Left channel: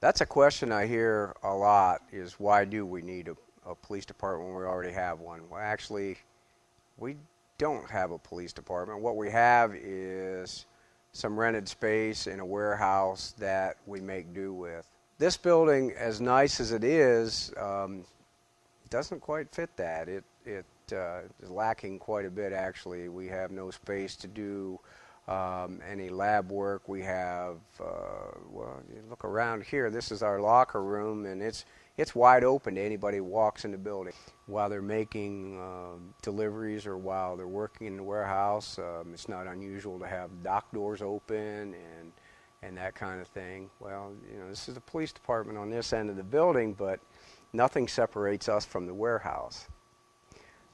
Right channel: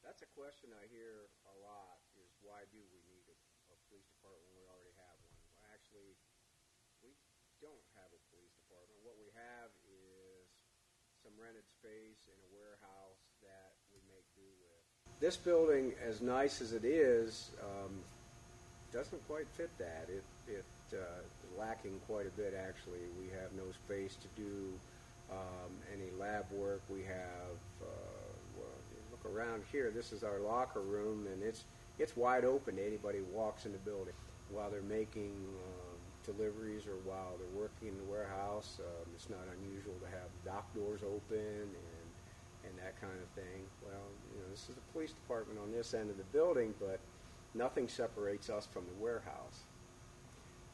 That's a question I hear a lot is why do we need a police department when we already have one? Well, actually, we don't have a police department. What we have is some rented space in a warehouse that we make do with. This building, as nice as it is, doesn't quite fit that. It is lacking quite a bit, actually. We have no space to do any lab work. We have, well, you look around here, this is our locker room, and it's wide open to anybody who walks in the building. While they're making deliveries or while they're working in the warehouse, it's not unusual to have dock doors open and that kind of thing. Well, you know, this is the police department on this end of the building, but nothing separates us from the warehouse.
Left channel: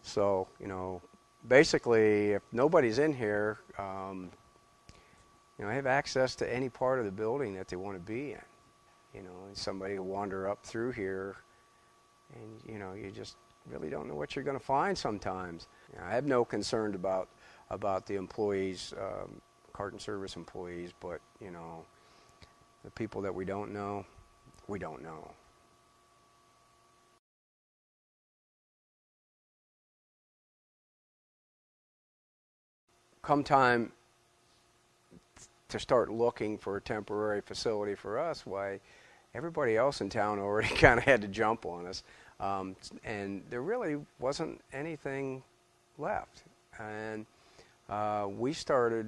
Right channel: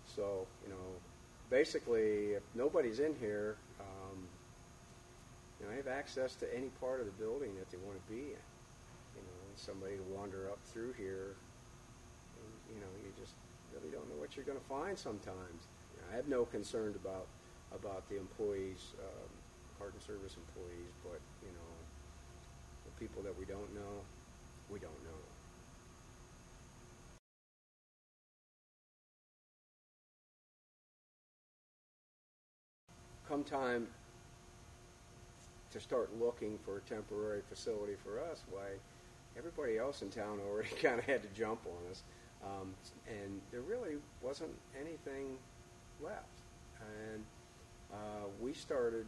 So, you know, basically, if nobody's in here, you know, they have access to any part of the building that they want to be in. You know, and somebody will wander up through here, and you know, you just really don't know what you're going to find sometimes. You know, I have no concern about the employees, carton service employees, but you know, the people that we don't know, we don't know. Come time to start looking for a temporary facility for us, why everybody else in town already kind of had to jump on us, and there really wasn't anything left. And we started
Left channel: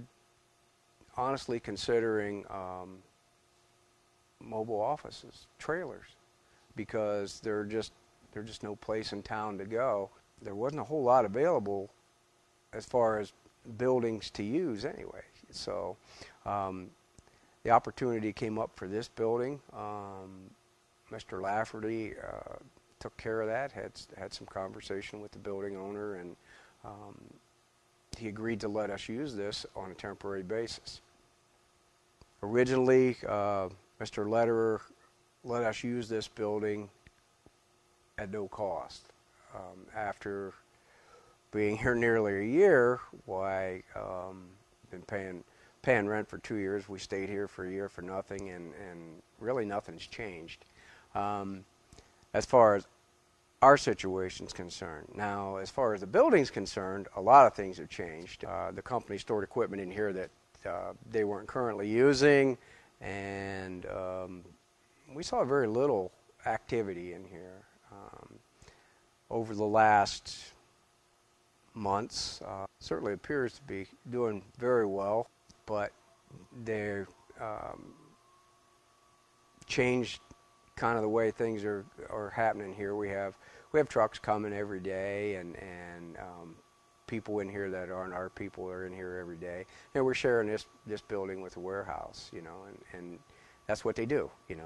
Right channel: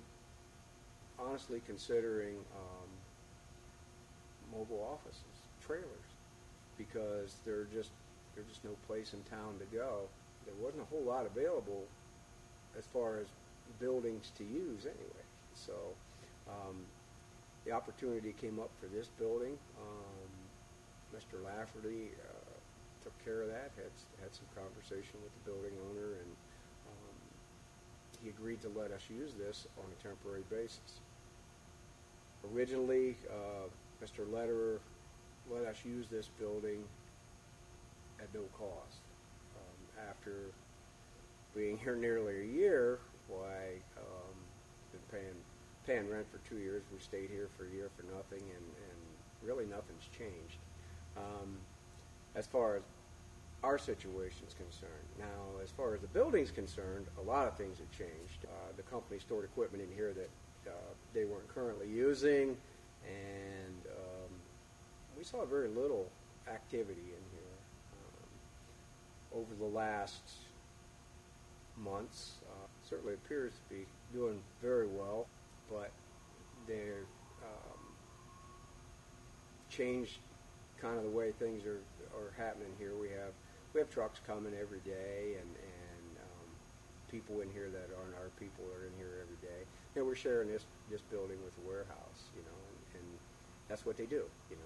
honestly considering mobile offices, trailers, because there's just no place in town to go. There wasn't a whole lot available as far as buildings to use anyway. So um, the opportunity came up for this building. Mr. Lafferty took care of that, had some conversation with the building owner, and um, he agreed to let us use this on a temporary basis. Originally, Mr. Lederer let us use this building at no cost. After being here nearly a year, why been paying rent for 2 years. We stayed here for a year for nothing, and really nothing's changed as far as our situation's concerned. Now, as far as the building's concerned, a lot of things have changed. The company stored equipment in here that they weren't currently using, and we saw very little activity in here over the last months. Certainly appears to be doing very well, but they're changed kind of the way things are happening here. We have trucks coming every day, and people in here that aren't our people are in here every day. And we're sharing this building with a warehouse, you know, and that's what they do, you know.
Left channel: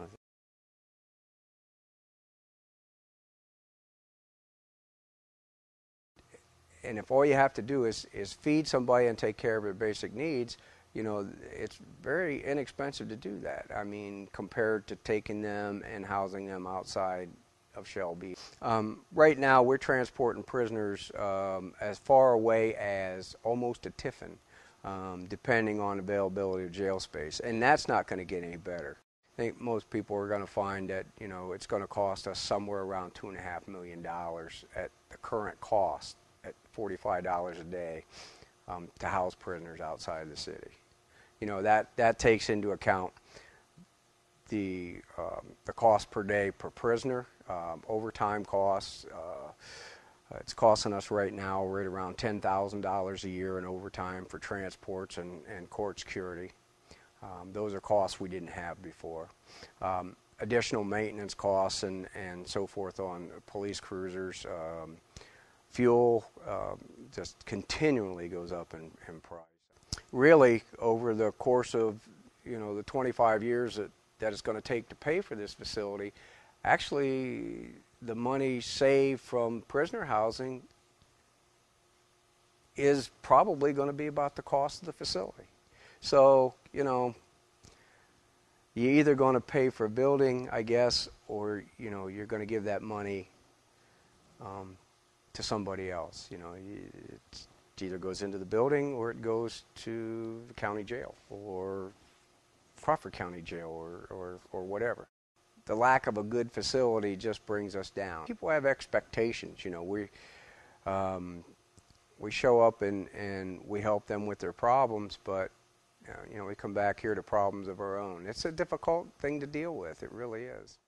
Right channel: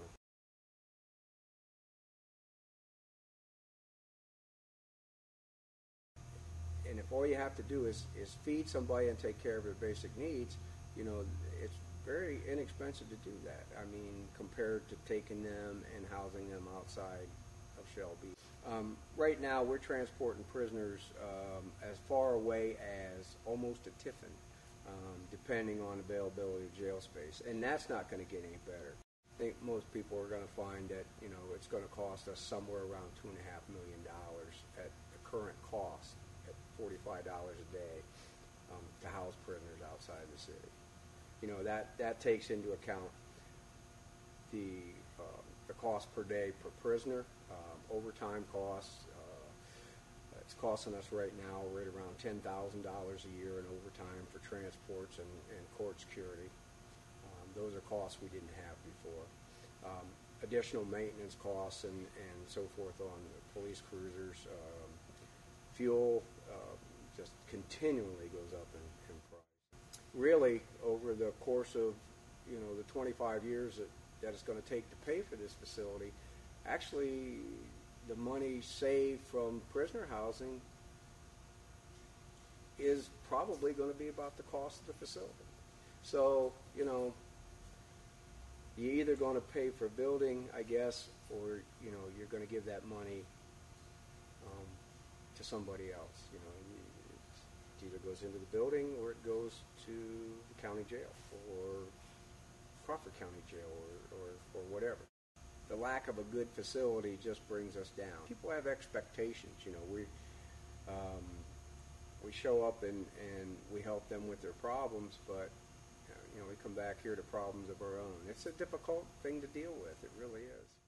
And if all you have to do is feed somebody and take care of their basic needs, you know, it's very inexpensive to do that. I mean, compared to taking them and housing them outside of Shelby. Right now, we're transporting prisoners as far away as almost to Tiffin, depending on availability of jail space, and that's not going to get any better. I think most people are going to find that, you know, it's going to cost us somewhere around $2.5 million at the current cost at $45 a day to house prisoners outside the city. You know, that takes into account the cost per day per prisoner, overtime costs. It's costing us right now right around $10,000 a year in overtime for transports and court security. Those are costs we didn't have before. Additional maintenance costs and so forth on police cruisers. Fuel just continually goes up in price. Really, over the course of, you know, the 25 years that it's going to take to pay for this facility, actually the money saved from prisoner housing is probably going to be about the cost of the facility. So, you know, you're either going to pay for a building, I guess, or, you know, you're going to give that money to somebody else. You know, it either goes into the building or it goes to the county jail or Crawford County Jail or whatever. the lack of a good facility just brings us down. People have expectations. You know, we show up and we help them with their problems, but you know, we come back here to problems of our own. It's a difficult thing to deal with. It really is.